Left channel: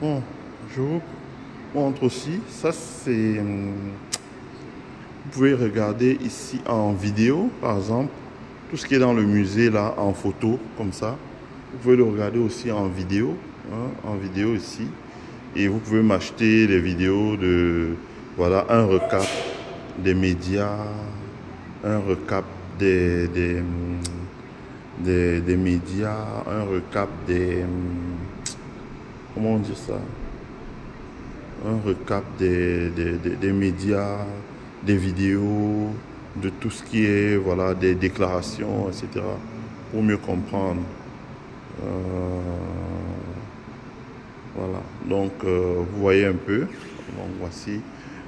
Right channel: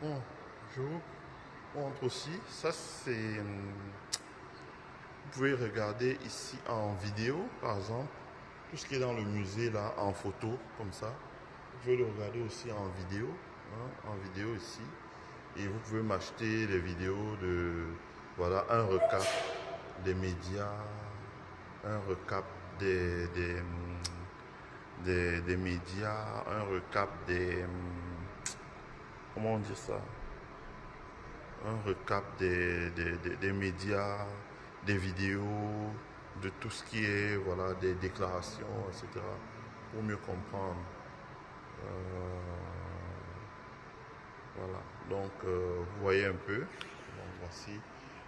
Bon, je vous montre aussi. Ça, c'est... Vous pouvez regarder ici en vidéo, par exemple. Tout ce qui est dans le musée, là, en photo, comme ça. Vous pouvez le regarder aussi en vidéo. Hein, en vidéo ici. Et vous pouvez m'acheter des vidéos de... Voilà, un recap des médias. Un recap des médias. Un recap des... Comment on dit ça? Un recap des médias, des vidéos, de tout ce qui est, voilà, des déclarations, etc. Pour mieux comprendre. Euh, voilà. Donc, vous voyez un peu. Donc, voici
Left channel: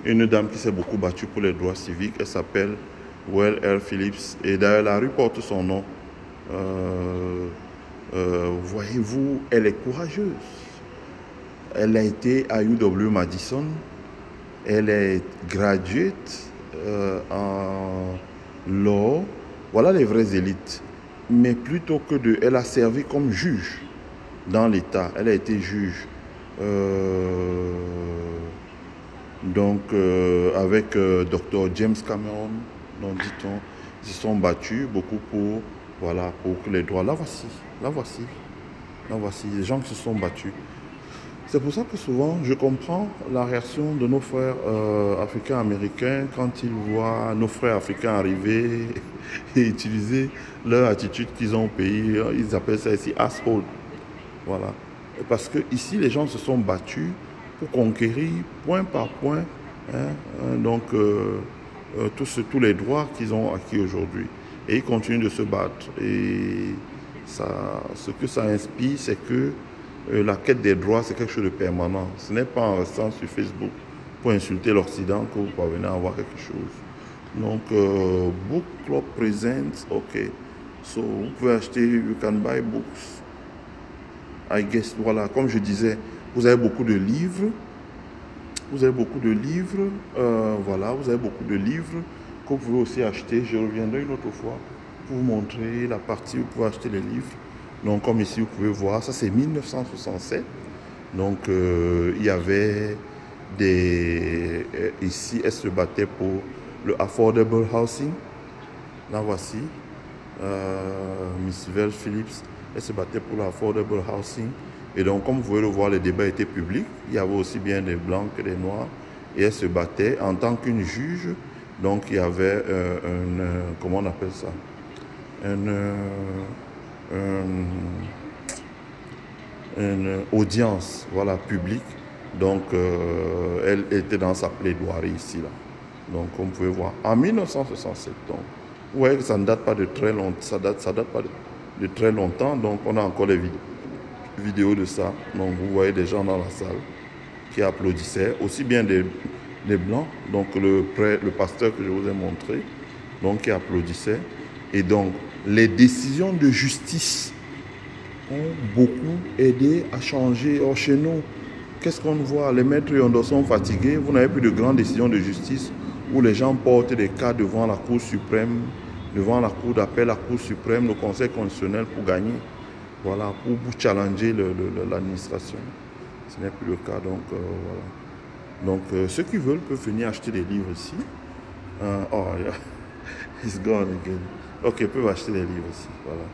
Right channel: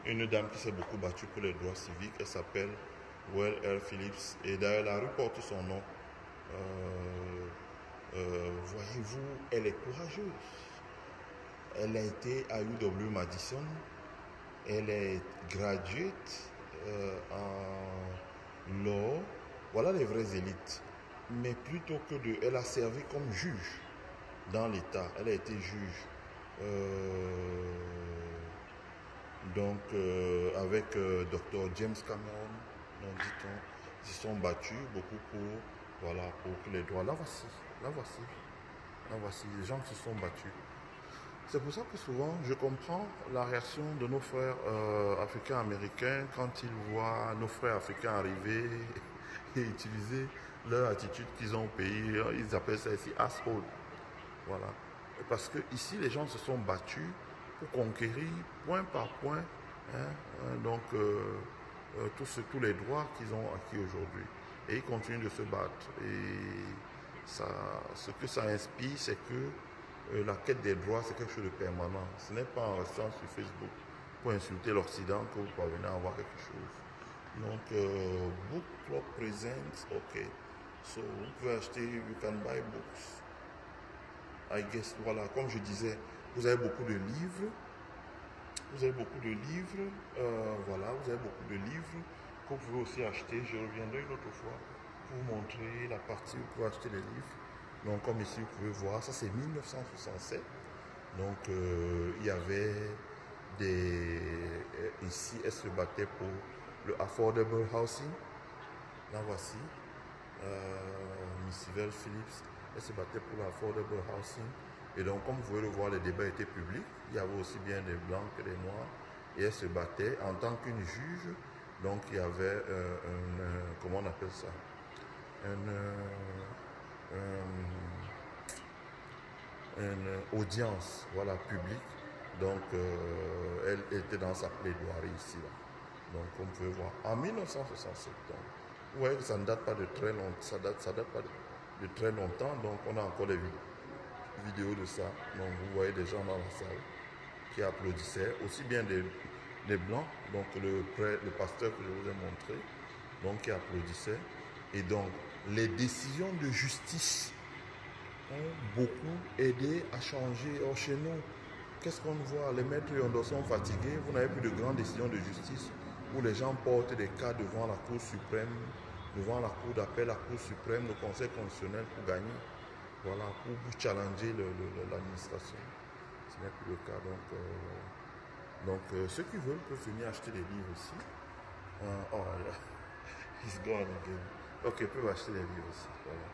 une dame qui s'est beaucoup battue pour les droits civiques. Elle s'appelle Well R. Phillips. Et d'ailleurs, la rue porte son nom. Voyez-vous, elle est courageuse. Elle a été à UW Madison. Elle est graduate en law. Voilà les vraies élites. Mais plutôt que de... Elle a servi comme juge dans l'État. Elle a été juge. Avec Dr. James Cameron, donc dit-on, ils se sont battus beaucoup pour, voilà, pour que les droits... Là voici, là voici, là voici, les gens qui se sont battus. C'est pour ça que souvent, je comprends la réaction de nos frères africains-américains quand ils voient nos frères africains arriver et utiliser leur attitude qu'ils ont au pays. Ils appellent ça ici asshole. Voilà. Parce que ici, les gens se sont battus pour conquérir point par point, hein, tous les droits qu'ils ont acquis aujourd'hui. Et ils continuent de se battre. Et ça, ce que ça inspire, c'est que la quête des droits, c'est quelque chose de permanent. Ce n'est pas en restant sur Facebook pour insulter l'Occident que vous parvenez à avoir quelque chose. Donc, Book Club Presents, ok. So, vous pouvez acheter, you can buy books. I guess, voilà, comme je disais, vous avez beaucoup de livres. Vous avez beaucoup de livres. Voilà, vous avez beaucoup de livres que vous pouvez aussi acheter. Je reviendrai une autre fois pour vous montrer la partie où vous pouvez acheter les livres. Donc, comme ici, vous pouvez voir, ça c'est 1967. Donc, il y avait des... ici, elle se battait pour le affordable housing. Là, voici. Miss Vel Phillips, elle se battait pour l'affordable housing. Et donc, comme vous pouvez le voir, les débats étaient publics. Il y avait aussi bien des blancs que des noirs. Et elle se battait en tant qu'une juge. Donc, il y avait comment on appelle ça? Une audience, voilà, publique. Donc, elle était dans sa plaidoirie ici, là. Donc, comme vous pouvez voir, en 1967. Donc, vous voyez que ça ne date pas de très longtemps. Ça date pas de très longtemps. Donc, on a encore les vidéos de ça. Donc, vous voyez des gens dans la salle qui applaudissaient, aussi bien des blancs. Donc, le pasteur que je vous ai montré, donc, qui applaudissait. Et donc, les décisions de justice ont beaucoup aidé à changer. Or, chez nous, qu'est-ce qu'on voit? Les maîtres Yondo sont fatigués. Vous n'avez plus de grandes décisions de justice où les gens portent des cas devant la Cour suprême, devant la Cour d'appel, la Cour suprême, le Conseil constitutionnel pour gagner. Voilà, pour challenger l'administration. Ce n'est plus le cas, donc voilà. Donc, ceux qui veulent peuvent venir acheter des livres ici. Oh, yeah. It's gone again. Ok, ils peuvent acheter des livres ici, voilà.